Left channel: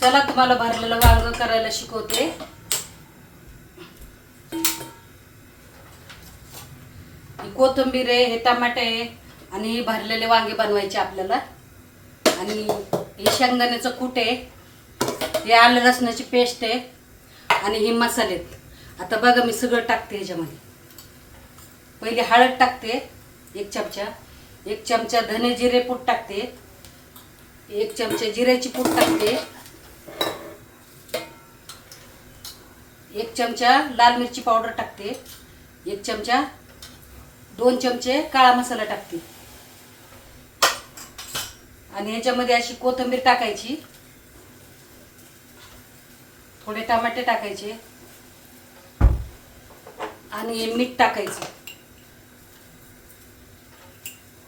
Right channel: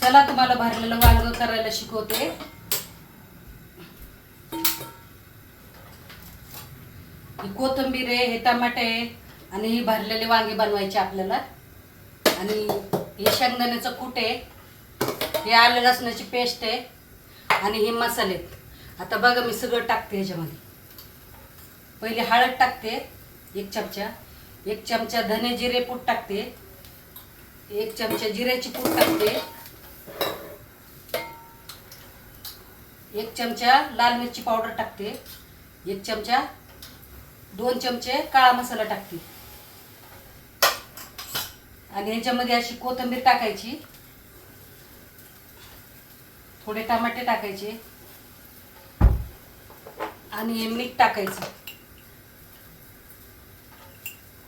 चला तुम्हाला भरलेलं वांग करायला शिकवते. ही कोथिंबीर आहे, हे टमाटे आहे आणि ही भरलेले वांगे बनवायचे आपल्याला. आणि हे शेंगदाण्याचं कूट आहे, हे आलं लसणाची पेस्ट आहे आणि हे मसाले आहेत. आता बघा मी सगळं टाकते ह्याच्यामध्ये. पहिले हळद टाकते 1 चमचा, 1 चमचा धने जिरे पूड टाकते, 1 चमचा जिऱ्याची पूड टाकते, 1 चमचा लाल मिरची पावडर टाकते, 1 चमचा 2 चमचे काळा मसाला टाकते. आणि ह्याच्यामध्ये अशी कोथिंबीर टाकायची, थोडे टमाटे टाकायचे आणि हे मीठ टाकायचं.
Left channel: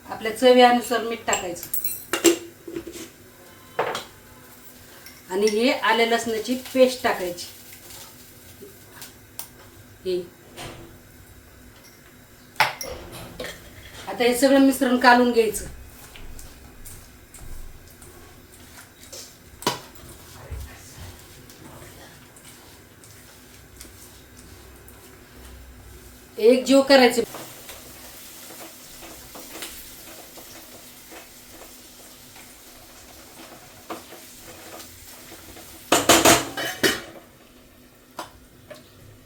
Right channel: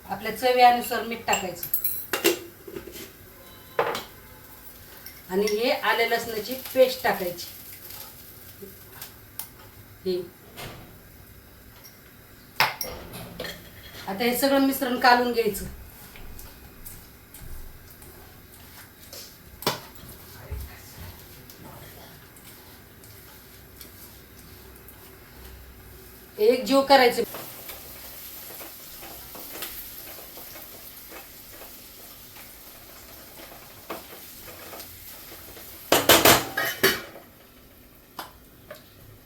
आपल्या चवीनुसार मीठ टाकायचं. आणि हे आले लसणाची पेस्ट टाकायची. आता हे सगळं मिश्रण कालून घ्यायचं. एक जीव करायचे.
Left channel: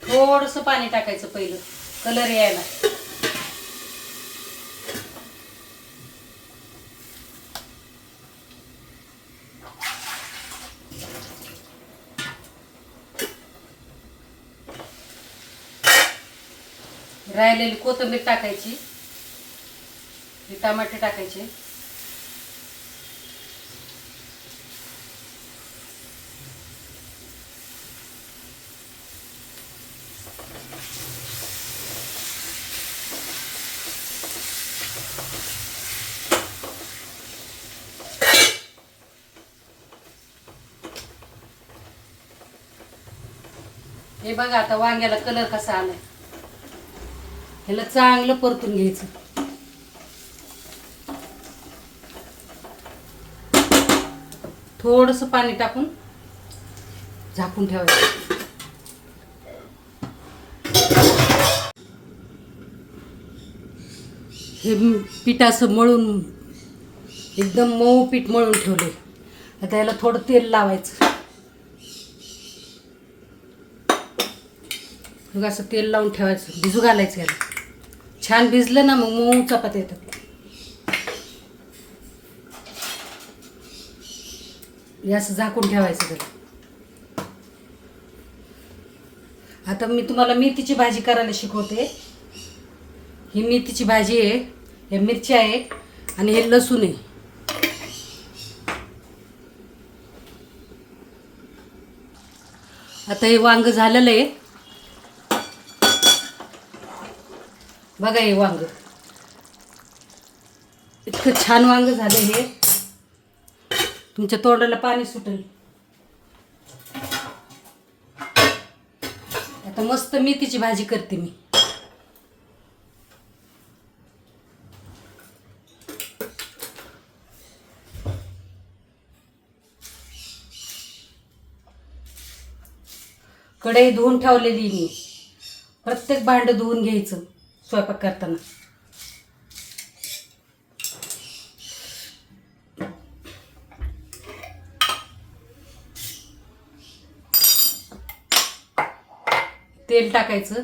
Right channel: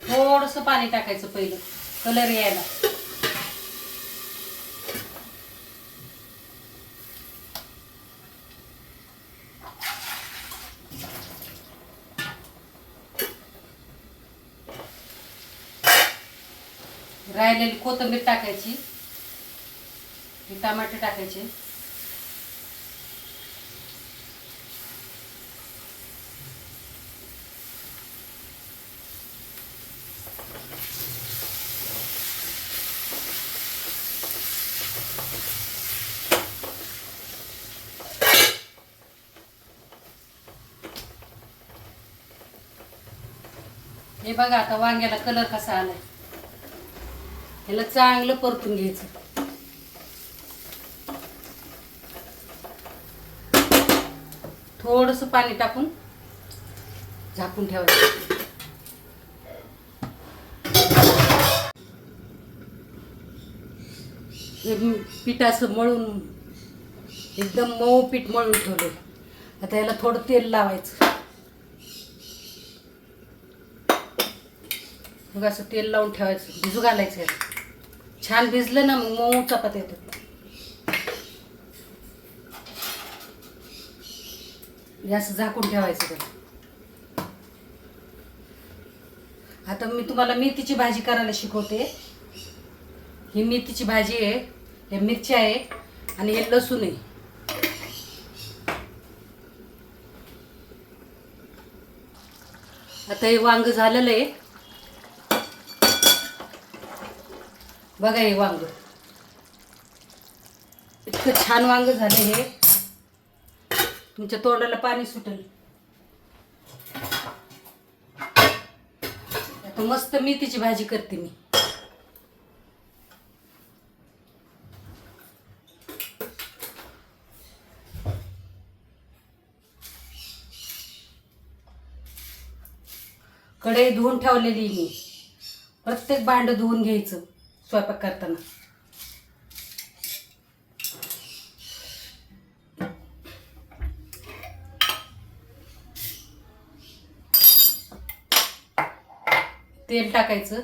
थोडंसं पाणी टाकायचं पहिलं कलर यायला. राहिलेली कोथिंबीर टाकायची, हे टमाटे टाकायचे. हे बघा आता वांग्याला कलर कसा आलाय. ह्याला चांगलं परतून घ्यायचं. थोडंसं पाणी टाकून झाकून ठेवायचं. हे पीठ असं मळून एकदम मऊ पीठ मळून ठेवले. आता याला थोडं तेल लावायचं. मग असं तेल लावून ठेवायचं, भिजू घालायचं. याला छान भिजलं ना मग मऊ चपात्या येतात. हे असं झाकून ठेवायचं त्याला. आता मी तुम्हाला मेथीची भाजी करायला शिकवते. ही मेथीची भाजी आहे, हे मिरच्या आहे आणि हे लसूण आहे. आता हे वांग झालेलं आहे. बघा हे वांग इतकं छान वांग झालं. हे तुमच्या तोंडाला पाणी सुटेल. आता मस्त मेथीची भाजी करते मी. कढई धुवून ठेवलेली मी. प्रत्येक भांड धुवून घ्यायचं स्वयंपाक करताना. तेल टाकायचं.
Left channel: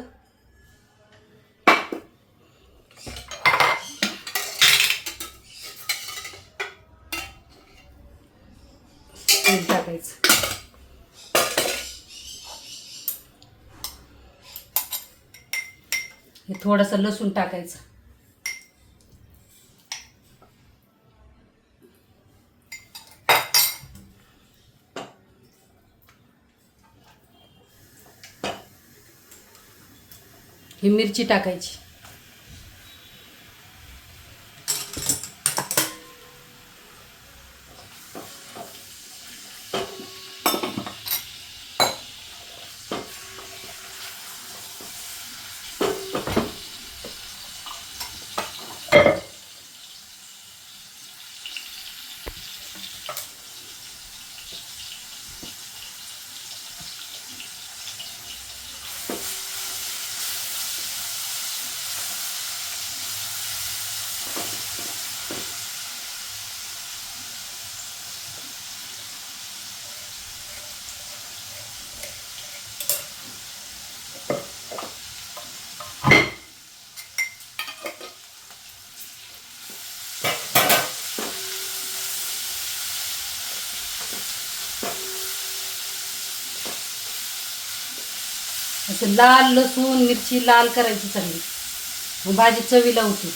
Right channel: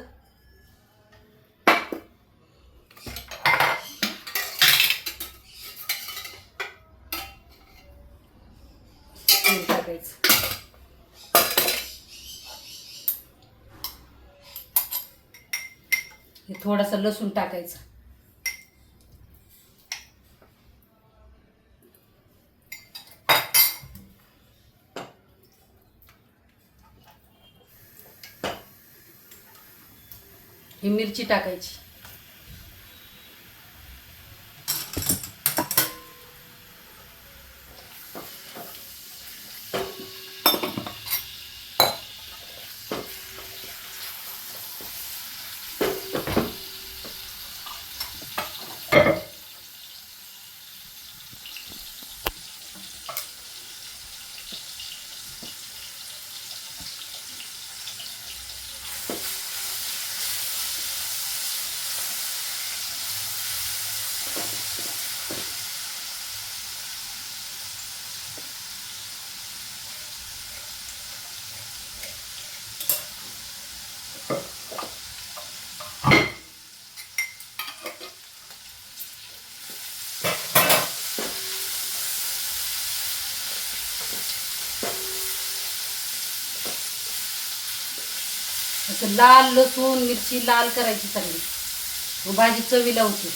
तेल टाकायचं. हे थोडंसं लसूण टाकायचं. ही मिरची टाकायची. असं लाल लसूण मिरची लाल करायची चांगली, मग भाजी चवीला होती.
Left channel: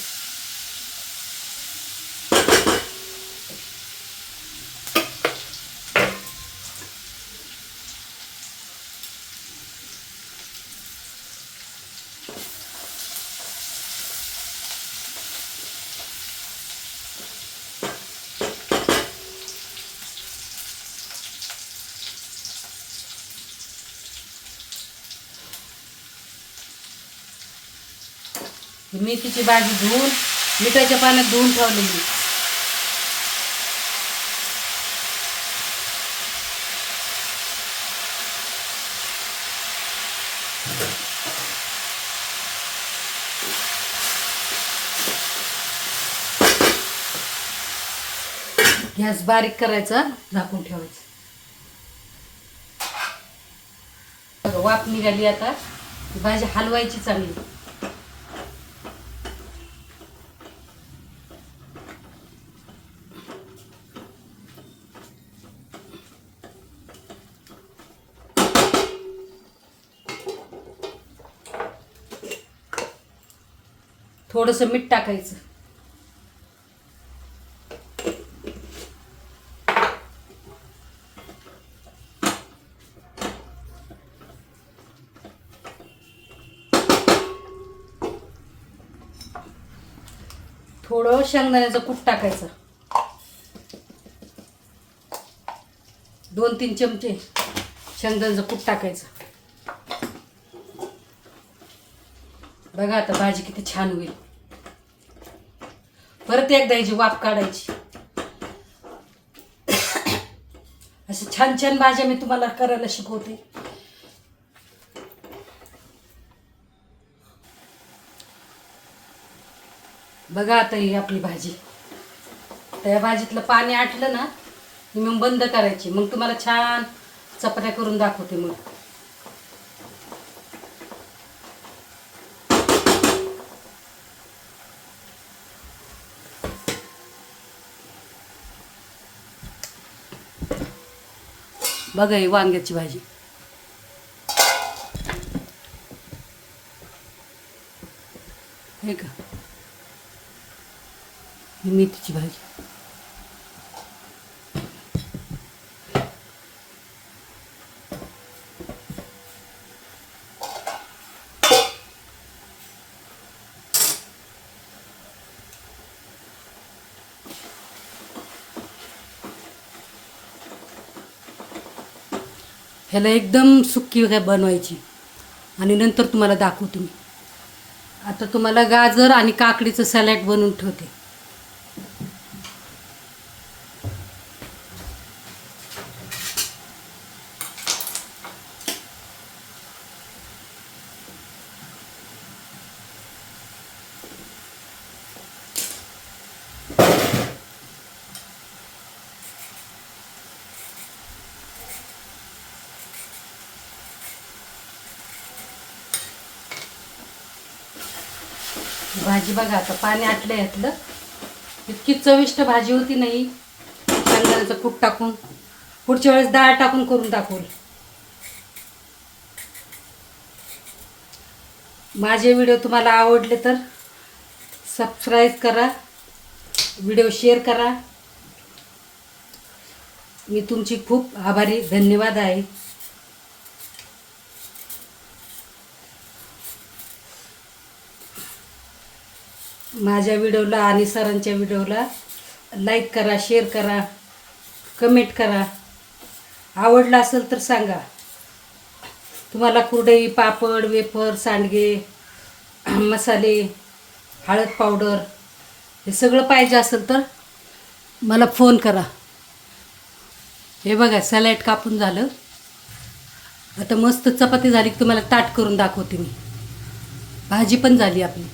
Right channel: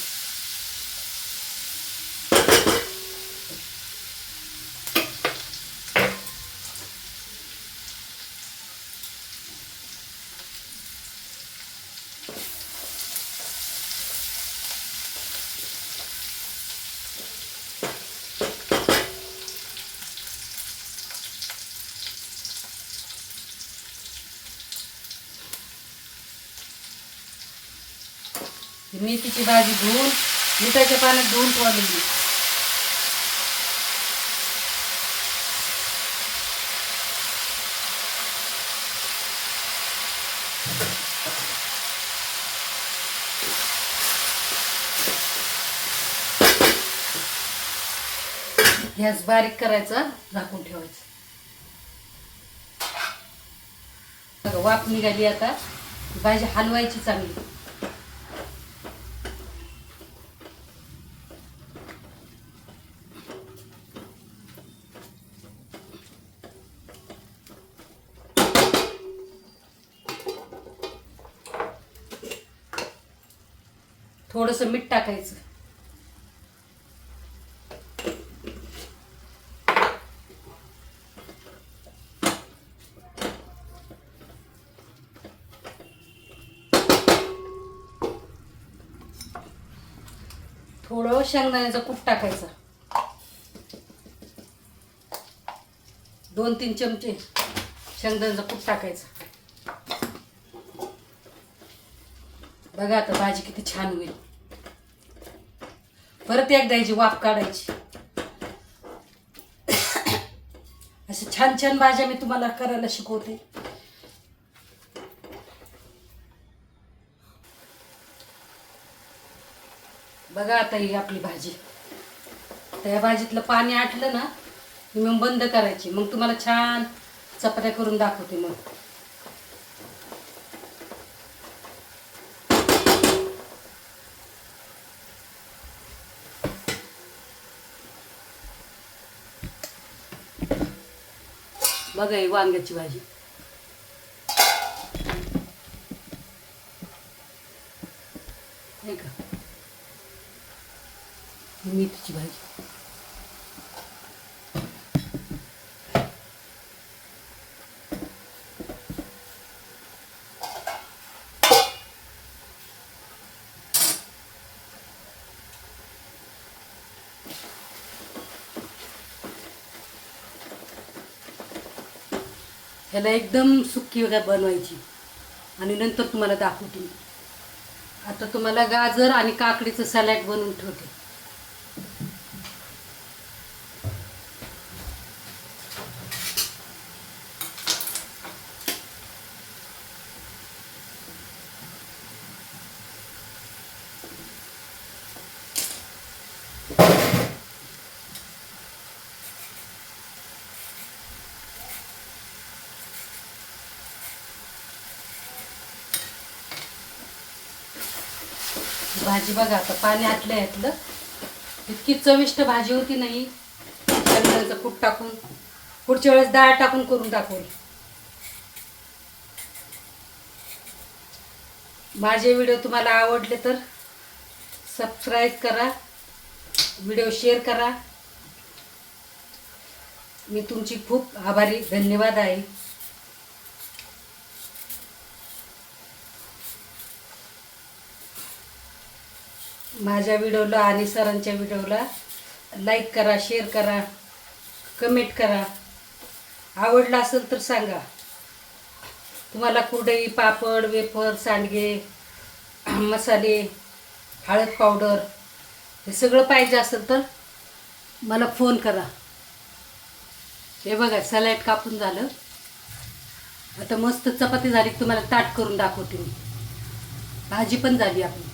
मेथीची भाजी धुवून मिठाच्या पाण्यात धुवून ठेवलेली. गॅस बारीक करायचा, झाकून ठेवायचं. वाफ निघाली. आता भाजी हलवायची चांगली. थोडंसं मीठ टाकायचं. थोडं शेंगदाण्याचं कूट टाकायचं. 2-3 चमचे शेंगदाण्याचं कूट टाकायचं. बघा आता भाजी किती छान होईल. परत एकदा याची वाफ काढायची. अशा छान छान भाज्या मी तुम्हाला करायला शिकवते. बघा आता ही आपली भाजी. त्या भाजीतलं पाणी आटलं ना की मग बंद करायची. मग तुम्हाला छान चपात्या करून दाखवते. मग बघा ही वांग्याची भाजी. हे का ही मेथीची भाजी. ह्याला एकदम सुक्की काय बनवायची आणि नंतर तुम्हाला दाखवते मी. आता तुम्हाला गाजर आणि काकडीचं सॅलड बनवून ठेवते. भाजी बघा आता पाणी आटलं यातलं. इतकी चविष्ट भाजी होती नाही. शेंगदाण्याचं कूट टाकून पुढच्या वेळेस डाळ टाकून करून टाकू. माझे व्हिडिओ तुम्हाला आवडले तर सबस्क्राईब करा, व्हिडिओ शेअर करा. मी तुमची खूप आभारी, धन्यवाद आहे. माझ्या व्हिडिओला आणि सरांच्या व्हिडिओला लाईक करा, शेअर करा, कमेंट करा. आवडला असेल तर सांगा. तुम्हाला कुरडई, पापड, वेफर, सांडगे, मसाले, हळद पावडर हे सगळं पाहिजे असेल तर मला फोन करा. हे बघा सॅलड कापून झालं. आता मस्त चपाती झाली की तुम्हाला ताट करून दाखवते मी. भाजी पण झाली आपली.